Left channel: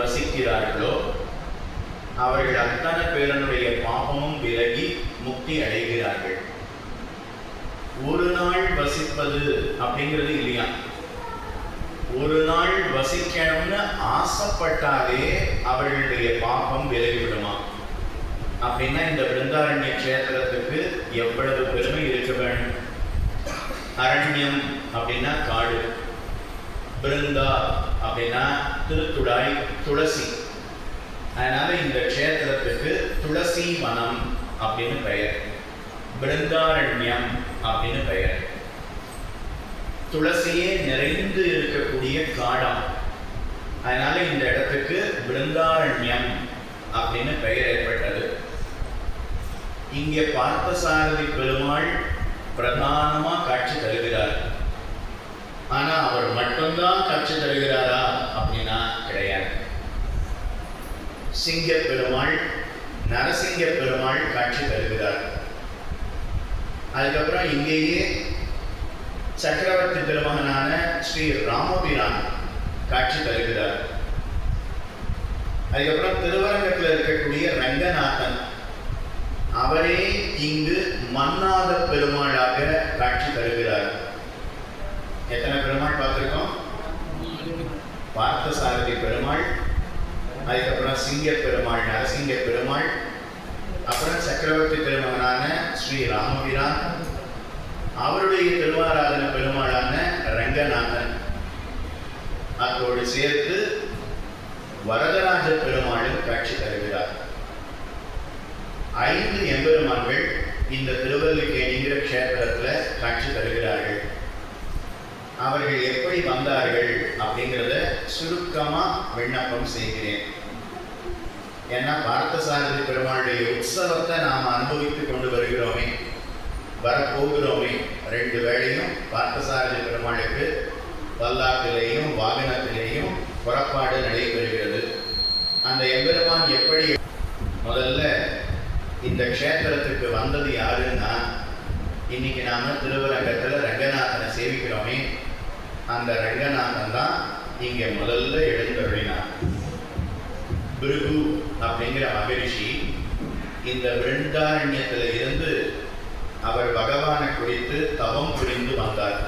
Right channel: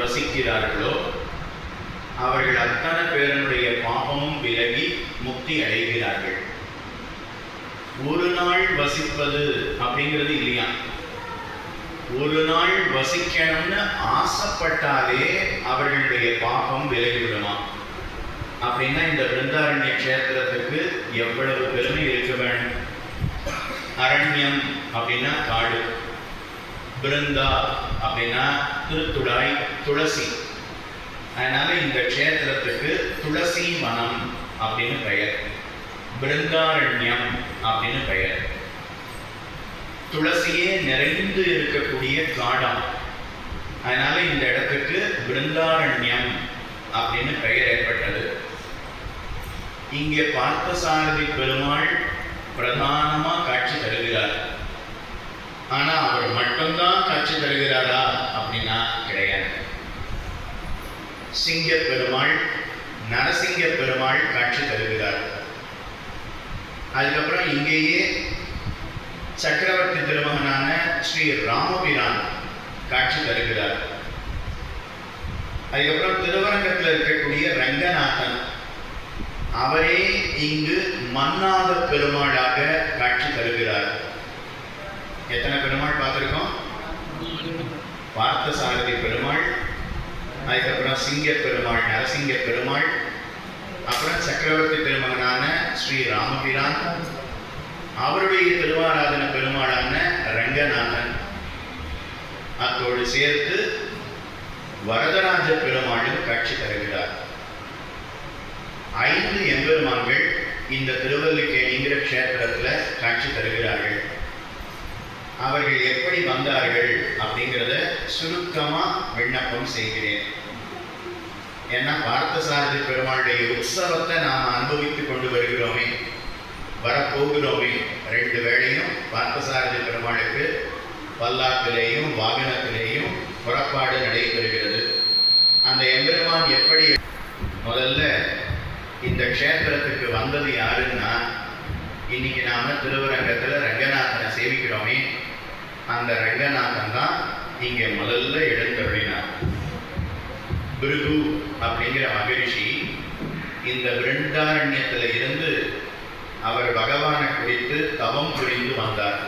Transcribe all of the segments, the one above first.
வசிக்கிறார்களோ அவர்கள் அத்தனை பேரனுடைய பாபமும் விலகி முக்தி அடைகிறார்கள். ஒரு நாள் வசிப்பது அப்படிங்கிறது இல்லையா, ஒரு நாள் வசிக்கணும்னு ஆசைப்பட்டாலே அவர்களுடைய பாபம் விலகிவிடுமா. அப்படின்னா இந்த பிருந்தாரண்ய கஷேத்திரத்துக்கு எவ்வளவு பெருமை இருக்க வேணும். அரண்யம் அப்படின்னா காடு, பிருந்தா அப்படின்னா திருத்துடாய், துளசி. அதனால இந்த க்ஷேத்திரத்துக்கு துளசி வனம் அப்படின்னு பெயர், பிருந்தாரண்யம் அப்படின்னு பெயர். துளசியே நிறைந்து இருக்கக்கூடிய காடம், அதனால இந்த இடத்துக்கு பிருந்தாரண்யம் அப்படின்னு பெயர் ஏற்பட்டது. இங்கே பார்த்தசாரதி பெருமாள் பிரதானமா காட்சி தருகிறார். ஆனா அவர் மட்டும்தான் காட்சி தருகிறாரா அப்படின்னா கிடையாது. சிங்க பெருமாள், நரசிங்க பெருமாள் காட்சி தருகிறார். அதுக்கப்புறம் இங்கேயே சக்கரவர்த்தி திருமகனான ஸ்ரீ ராமபிரான் காட்சி தருகிறார். அதுக்கப்புறம் திருவரங்கத்தில் இருக்கக்கூடிய ரங்கநாதன், அவரே இங்கு மன்னாத பெருமாளாக காட்சி தருகிறார். எத்தனை பெருமாள் பார்த்திருக்கோம்? பார்த்தசாரதி பெருமாள், அதுக்கப்புறம் சிங்க பெருமாள், நரசிங்க பெருமாள், அப்புறம் சக்கரவர்த்தி திருமகனான ஸ்ரீ ராமபிரான், அவருடைய திருவாராதன பெருமாளான ரங்கநாதன், அதோடு சேர்த்து வரதராஜ பெருமாளும் காட்சி தருகிறார். 5 எம்பெருமான்கள் இந்த திருவல்லிக்கேணிங்கிற க்ஷேத்திரத்தில் காட்சி தருகிறார்கள். அவர்கள் எப்படி வந்தார்கள் அப்படிங்கிறத சுருக்கமா விண்ணப்பம் செய்கிறேன். ஏன்னா பார்த்தசாரதி பெருமாளுடைய உற்சவத்தை நாம் அனுபவித்துக் கொண்டு வருகிறோமே, வரப்போகிறோமே. 2 வேளையும் பார்த்தசாரதி பெருமாளுக்கு பல்லாக்கிலேயும் வாகனத்திலேயும் புறப்பாடு நடைபெறுகிறது. அந்த எம்பெருமான் எப்படி முதல்ல இந்த க்ஷேத்திரத்துக்கு வந்தது யாருன்னா, இன்னைக்கு நாம திருவரங்கத்தில் ரங்கநாதனை சேவிக்கிறோமே, அந்த ரங்கநாதன் தான் இங்க முதல்ல எழுந்தருளினார். பிருகு அப்படிங்கிற மகரிஷி இந்த பிருந்தாரண்யத்தில் இருந்து அவர் பகவானை குறித்து தவம் புரிந்து வந்தார்.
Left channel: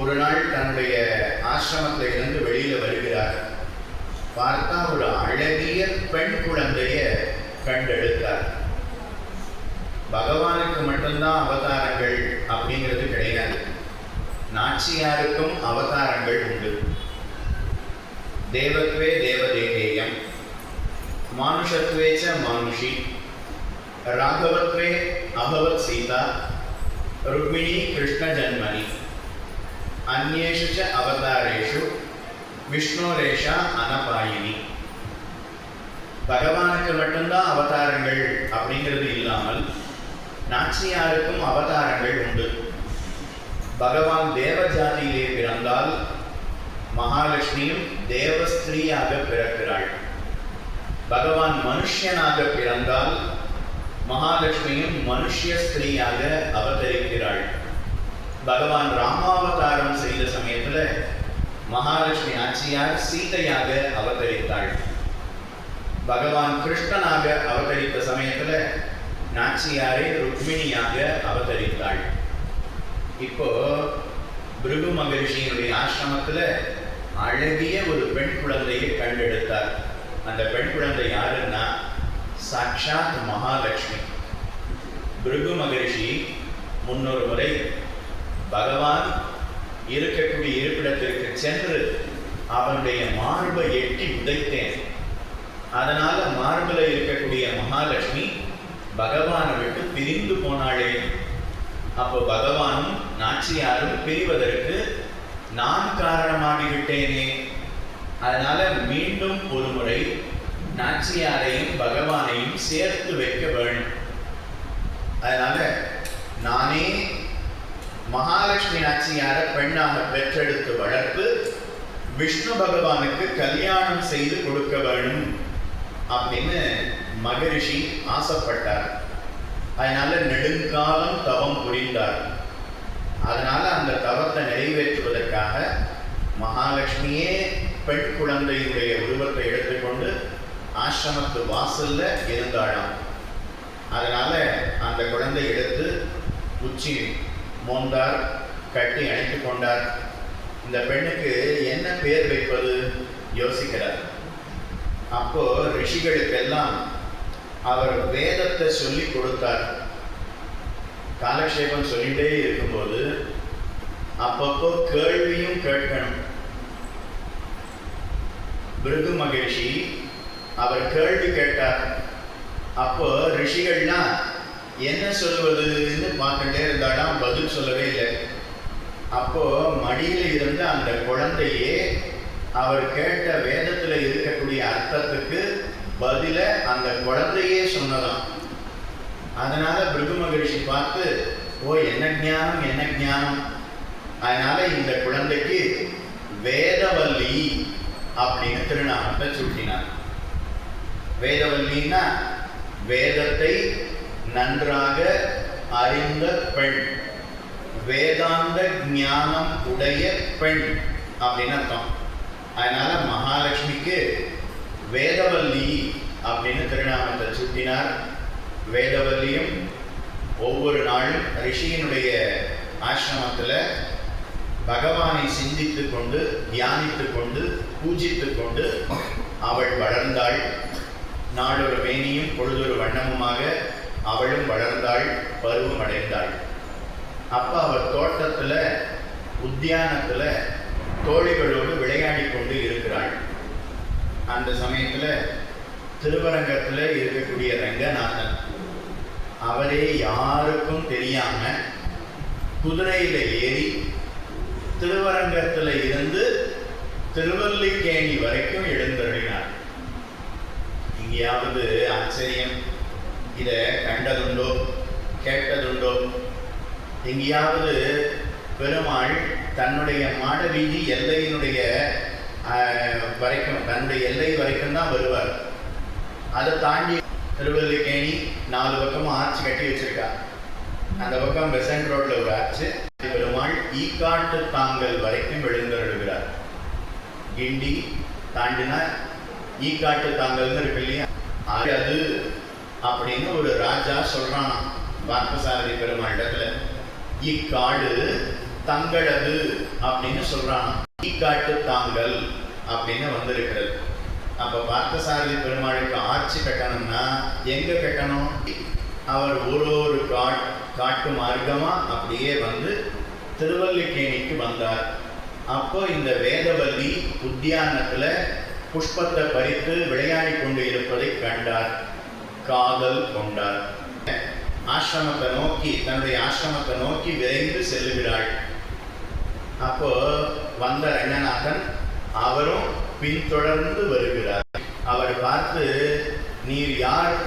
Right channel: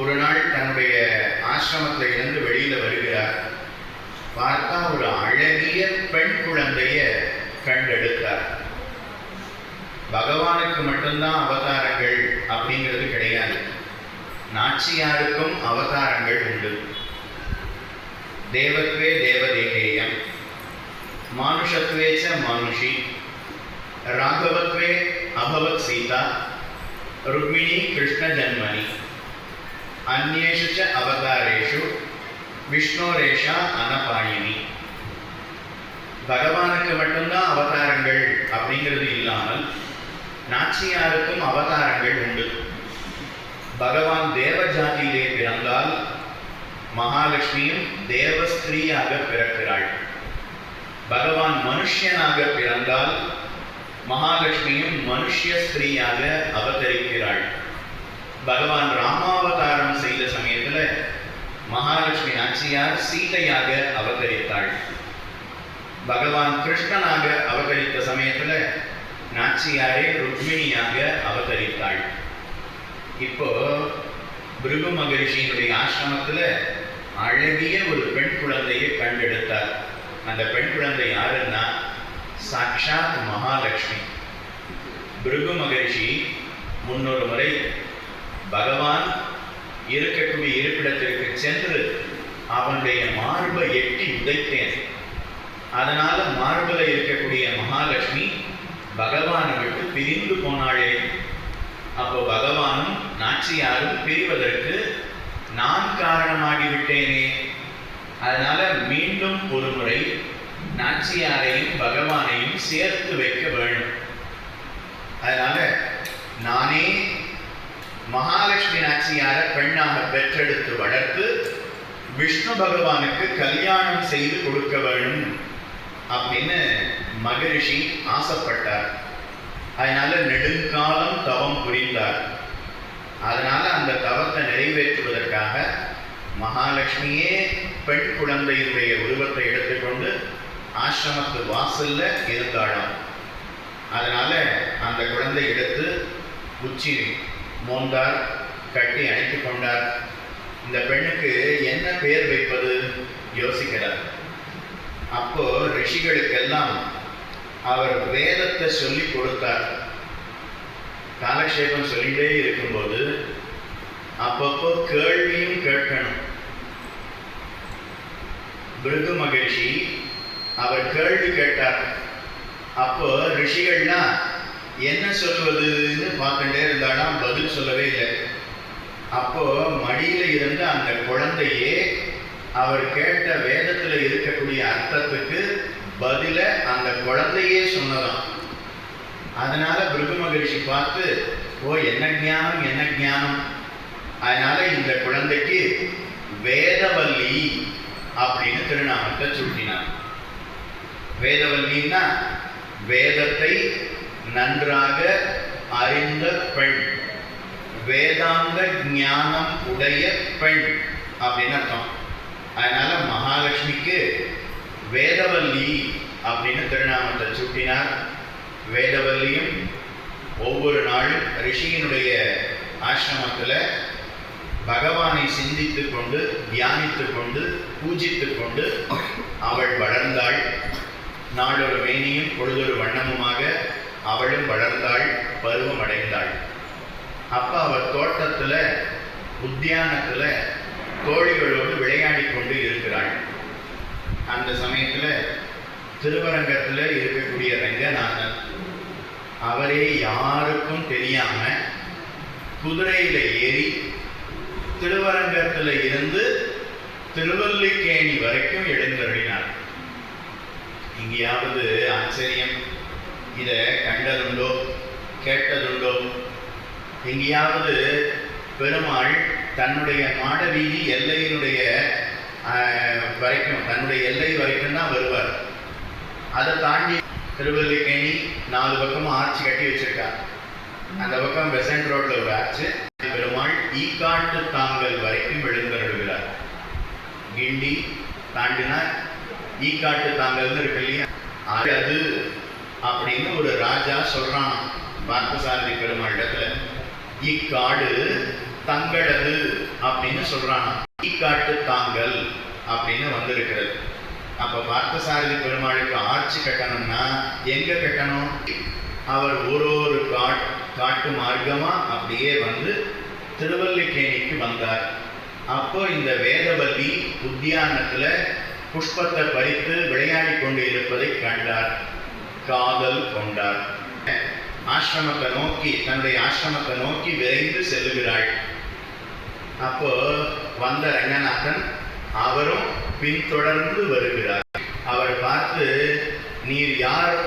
ஒரு நாள் தன்னுடைய ஆசிரமத்தில் இருந்து வெளியில வருகிறார். பார்த்தா ஒரு அழகிய பெண் குழந்தைய கண்டெடுத்தார். பகவானுக்கு மட்டும்தான் அவதாரங்கள் அப்படிங்கிறது கிடையாது, நாச்சியாருக்கும் அவதாரங்கள் உண்டு. தேவத்வே தேவதேகேயம், மானுஷத்வேச்ச மானுஷி, ராகவத்வே அபவத் சீதா, ருக்மிணி கிருஷ்ண ஜன்மனி, அந்நேஷு ச அவதாரேஷு விஷ்ணோரேஷா அனபாயினி. பகவானுக்கு மட்டும்தான் அவதாரங்கள் அப்படிங்கிறது இல்லாமல் நாச்சியாருக்கும் அவதாரங்கள் உண்டு. பகவான் தேவ ஜாதியிலே பிறந்தால் மகாலட்சுமியும் தேவஸ்திரீயாக பிறக்கிறாள். பகவான் மனுஷனாக பிறந்தால் மகாலட்சுமியும் மனுஷ்ய ஸ்திரீயாக அவதரிக்கிறாள். பகவான் ராமாவதாரம் செய்த சமயத்துல மகாலட்சுமி நாச்சியார் சீதையாக அவதரித்தாள். பகவான் கிருஷ்ணனாக அவதரித்த சமயத்துல நாச்சியாரே ருக்மிணியாக அவதரித்தாள். இப்போ பிருகு மகரிஷியினுடைய ஆசிரமத்துல அழகிய ஒரு பெண் குழந்தையை கண்டெடுத்தார். அந்த பெண் குழந்தை யாருன்னா சாட்சாத் மகாலட்சுமி. பிருகு மகரிஷி முன்னொரு முறை பகவான் இருக்கக்கூடிய இருப்பிடத்திற்கு சென்று அவனுடைய மார்பை எட்டி உதைத்தேன். அதனால மார்பில் இருக்கக்கூடிய மகாலட்சுமி பகவானை விட்டு பிரிந்து போனாளே. அப்போ பகவானும் நாச்சியாரும் பிரிவதற்கு நான் காரணமாகிவிட்டேனே. அதனால மீண்டும் ஒரு முறை நாச்சியாரையும் பகவானையும் சேர்த்து வைக்க வேண்டும். அதனால நானே மகாலட்சுமி நாச்சியாரை பெண்ணாக பெற்றெடுத்து வளர்த்து விஷ்ணு பகவானுக்கு கல்யாணம் செய்து கொடுக்க வேண்டும் அப்படின்னு மகரிஷி ஆசைப்பட்டார். அதனால நெடுங்காலம் தவம் புரிந்தார். அதனால அந்த தவத்தை நிறைவேற்றுவதற்காக மகாலட்சுமியே பெண் குழந்தையினுடைய உருவத்தை எடுத்துக்கொண்டு ஆசிரமத்து வாசல்ல இருந்தாளாம். அதனால அந்த குழந்தை எடுத்து உச்சி மோந்தார், கட்டி அணைத்து கொண்டார். இந்த பெண்ணுக்கு என்ன பெயர் வைப்பது யோசிக்கிறார். அப்போ ரிஷிகளுக்கெல்லாம் அவர் வேதத்தை சொல்லி கொடுத்தார். காலக்ஷேபம் சொல்லிட்டே இருக்கும்போது அப்பப்போ கேள்வியும் கேட்கணும். பிருகு மகிழ்ச்சி அவர் கேள்வி கேட்டார். அப்போ ரிஷிகள்லாம் என்ன சொல்வதுன்னு பார்த்துட்டே இருந்தாலும் பதில் சொல்லவே இல்லை. அப்போ மடியில இருந்து அந்த குழந்தையே அவர் கேட்ட வேதத்துல இருக்கக்கூடிய அர்த்தத்துக்கு பதில அந்த குழந்தையே சொன்னதாம். அதனால பிருகு மகிழ்ச்சி பார்த்து, ஓ என்ன ஞானம் என்ன ஞானம், அதனால இந்த குழந்தைக்கு வேதவல்லி அப்படின்னு திருநாமத்தை சூட்டினார். வேதவல்லின்னா வேதத்தை நன்றாக அறிந்த பெண், வேதாந்த ஞானம் உடைய பெண் அப்படின்னு அர்த்தம். அதனால மகாலட்சுமிக்கு வேதவல்லி அப்படின்னு திருநாமத்தை சூட்டினார். வேதவல்லியும் ஒவ்வொரு நாளும் ரிஷியினுடைய ஆசிரமத்தில் பகவானை சிந்தித்து கொண்டு தியானித்து கொண்டு பூஜித்து கொண்டு அவள் வளர்ந்தாள். நாளொரு வேணியும் பொழுதொரு வண்ணமுமாக அவளும் வளர்ந்தாள், பருவம் அடைந்தாள். அப்ப அவள் தோட்டத்துல உத்தியானத்துல தோழிகளோடு விளையாடி கொண்டு இருக்கிறாள். அந்த சமயத்துல திருவரங்கத்துல இருக்கக்கூடிய ரங்கநாதன் அவரே யாருக்கும் தெரியாம குதிரையில ஏறி திருவரங்கத்துல இருந்து திருவல்லிக்கேணி வரைக்கும் எழுந்தருளினார். எங்கேயாவது ஆச்சரியம் இத கண்டதுண்டோ கேட்டதுண்டோ? எங்கேயாவது பெருமாள் தன்னுடைய மாடவீதி எல்லையினுடைய வரைக்கும், தன்னுடைய எல்லை வரைக்கும் தான் வருவார். அதை தாண்டி திருவல்லிக்கேணி 4 பக்கமும் ஆர்ச்சி கட்டி வச்சிருக்கார். அந்த பக்கம் பெசன்ட் ரோட்ல ஒரு ஆர்ச்சு. பெருமாள் ஈக்காட்டு தாங்கல் வரைக்கும் எழுந்தருளுகிறார். கிண்டி தாண்டினா ஈக்காட்டு தாங்கல்னு இருக்கு இல்லையா, அது அப்படின்னு ஒரு ராஜா சொல்றான் பார்த்தசாரதி பெருமாள் இடத்துல. இக்காடு தங்களது அப்படின்னு சொல்றான். ஈக்காட்டு தாங்கல் அப்படின்னு வந்திருக்கிறது. அப்ப பார்த்தசாரதி பெருமாளுக்கு ஆட்சி கட்டணும்னா எங்க கட்டணும்? அவர் ஒரு காட்டு மார்க்கமா அப்படியே வந்து திருவல்லிக்கேணிக்கு வந்தார். அப்போ இந்த வேதவல்லி உத்தியானத்துல புஷ்பத்தை பறித்து விளையாடி கொண்டு இருப்பதை கண்டார். காதல் கொண்டார். ஆசிரமத்தை நோக்கி, தன்னுடைய ஆசிரமத்தை நோக்கி விரைந்து செல்லுகிறாள். அப்போ வந்த ரங்கநாதன் அவரும் பின்தொடர்ந்து வருகிறார். அவர் பார்த்து, நீர் யார்,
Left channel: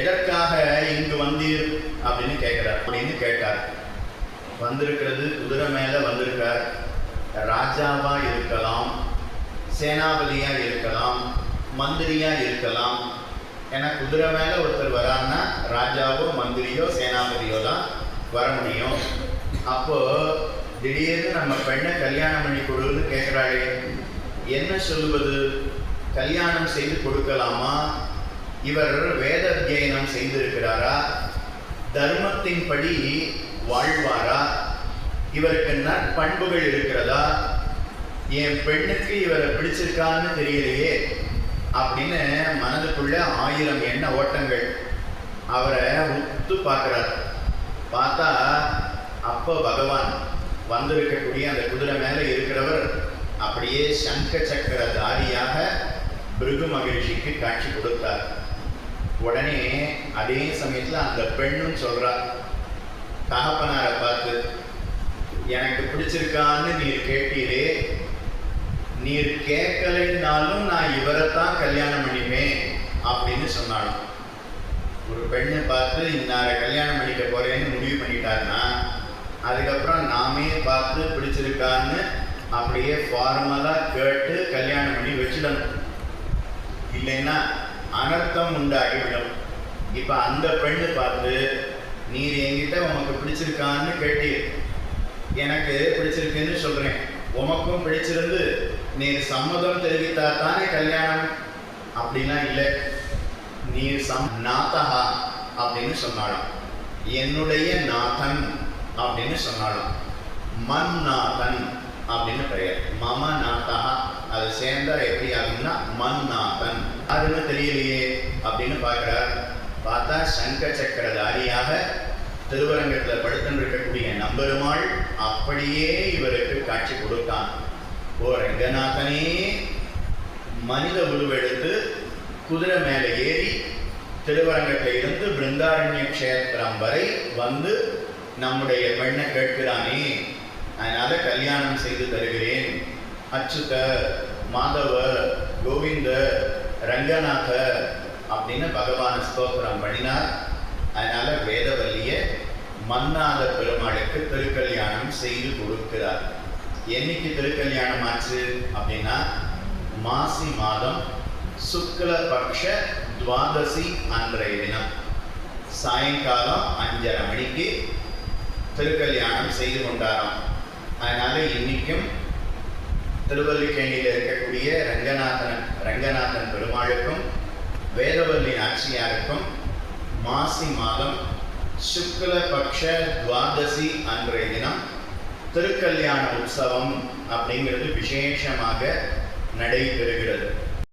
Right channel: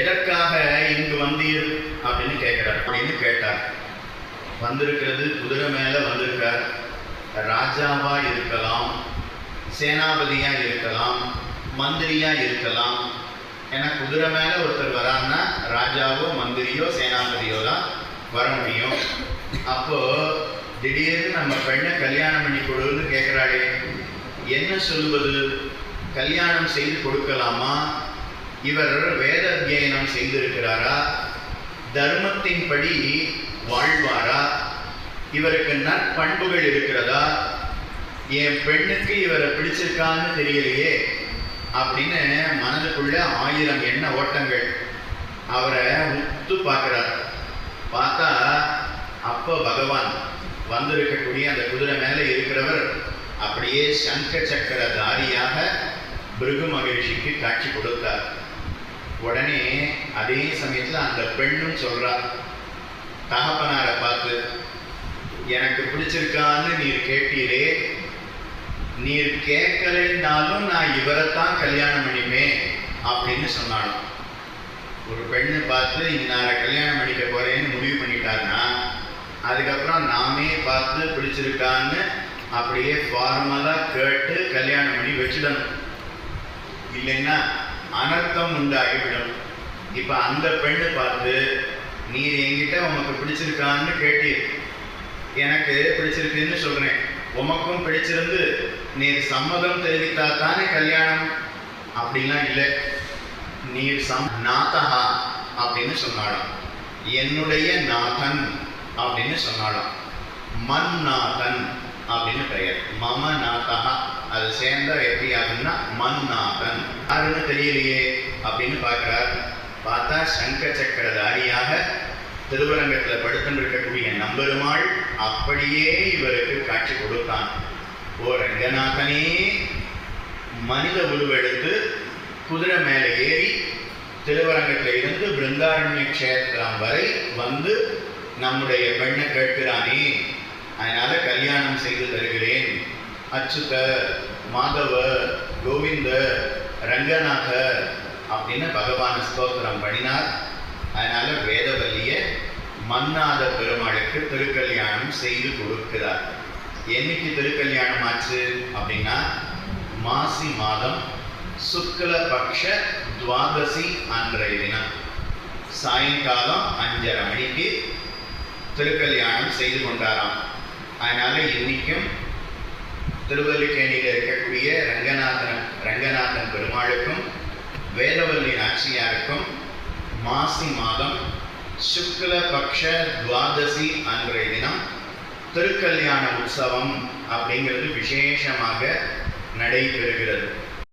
எதற்காக இங்கு வந்தீர் அப்படின்னு கேட்கிறார். அப்படின்னு கேட்டார். வந்திருக்கிறது குதிரை மேல வந்திருக்கார். ராஜாவா இருக்கலாம், சேனாபதியா இருக்கலாம், மந்திரியா இருக்கலாம். ஏன்னா குதிரை மேல ஒருத்தர் வரான்னா ராஜாவோ மந்திரியோ சேனாபதியோ தான் வர முடியும். அப்போ திடீர்னு நம்ம பெண்ணை கல்யாணம் பண்ணி கொடுன்னு கேட்கிறாளே, என்ன சொல்லுவது? கல்யாணம் செய்து கொடுக்கலாமா? இவர் வேத அத்தியனம் செய்திருக்கிறாரா? தர்மத்தின்படி வாழ்வாரா? இவருக்கு நற்பண்புகள் இருக்கிறதா? என் பெண்ணுக்கு இவரை பிடிச்சிருக்கான்னு தெரியலையே அப்படின்னு மனதுக்குள்ள 1000 எண்ண ஓட்டங்கள். அவரை உத்து பார்க்கிறார். பார்த்தா அப்போ பகவான் வந்திருக்கக்கூடிய அந்த குதிரை மேல இருக்கிறவர் அப்படியே சங்க சக்கர தாரியாக பிருகு மகிழ்ச்சிக்கு காட்சி கொடுத்தார். உடனே அதே சமயத்துல அந்த பெண்ணும் சொல்றார் தகப்பனாரை பார்த்து, எனக்கு பிடிச்சிருக்கான்னு நீர் கேட்டீரே, நீர் கேட்கலைன்னாலும் நான் இவரைத்தான் கல்யாணம் பண்ணிப்பேன் அப்படின்னு சொன்னாலும். ஒரு பெண்ணு பார்த்து இன்னார கல்யாணம் பண்ணிக்க போறேன்னு முடிவு பண்ணிட்டாருன்னா அதுக்கப்புறம் நாமே பார்த்து பிடிச்சிருக்கான்னு அப்படியே ஃபார்மலா கேட்டு கல்யாணம் பண்ணி வச்சிடணும். இல்லைன்னா அனர்த்தம் உண்டாகிவிடும். இப்ப அந்த பெண்ணு பார்த்து, நீர் என்கிட்ட உனக்கு பிடிச்சிருக்கான்னு கேட்டீர், எனக்கு பிடிச்சிருக்குன்னு சொல்றேன், உமக்கும் பிடிச்சிருந்து நீர் சம்மதம் தெரிவித்தா தானே கல்யாணம் அப்படிலாம் இல்லை. நீர் நாதஹா அப்படின்னு சொன்னாலும், என்னுடைய நாதன் அப்படின்னு சொன்னாலும், மன்னாதன் அப்படின்னு பெயர். மம நாதஹா அது சேர்ந்தா எப்படி ஆகும்னா மன்னாதன். யாருன்னு தெரியலையே அப்படின்னு பார்க்கிறார். பார்த்தா சங்க சக்கரதாரியாக திருவரங்கத்தில் படுத்துன்னு இருக்கக்கூடிய நம்பெருமாள் அப்படியே இவருக்கு காட்சி கொடுத்தான். ஓ ரங்கநாதனே மனித உருவெடுத்து குதிரை மேலே ஏறி திருவரங்கத்தில் இருந்து பிருந்தாரண்ய க்ஷேத்திரம் வரை வந்து நம்முடைய பெண்ணை கேட்கிறானே, அதனால கல்யாணம் செய்து தருகிறேன். அச்சுத, மாதவ, கோவிந்த, ரங்கநாத அப்படின்னு பகவான் ஸ்தோத்திரம் பண்ணினார். அதனால வேதவல்லிய மன்னாத பெருமாளுக்கு திருக்கல்யாணம் செய்து கொடுக்கிறார். என்னைக்கு திருக்கல்யாணம் ஆச்சு அப்படின்னா மாசி மாதம் சுக்ல பக்ஷ துவாதசி அன்றைய தினம் சாயங்காலம் 5:30 மணிக்கு திருக்கல்யாணம் செய்து கொண்டாராம். அதனால இன்னைக்கும் திருவல்லிக்கேணியில் இருக்கக்கூடிய ரங்கநாதன் பெருமாளுக்கும் வேதவல்லி நாச்சியாருக்கும் மாசி மாதம் சுக்ல பக்ஷ துவாதசி அன்றைய தினம் திருக்கல்யாண உற்சவம் அப்படிங்கிறது விசேஷமாக நடைபெறுகிறது.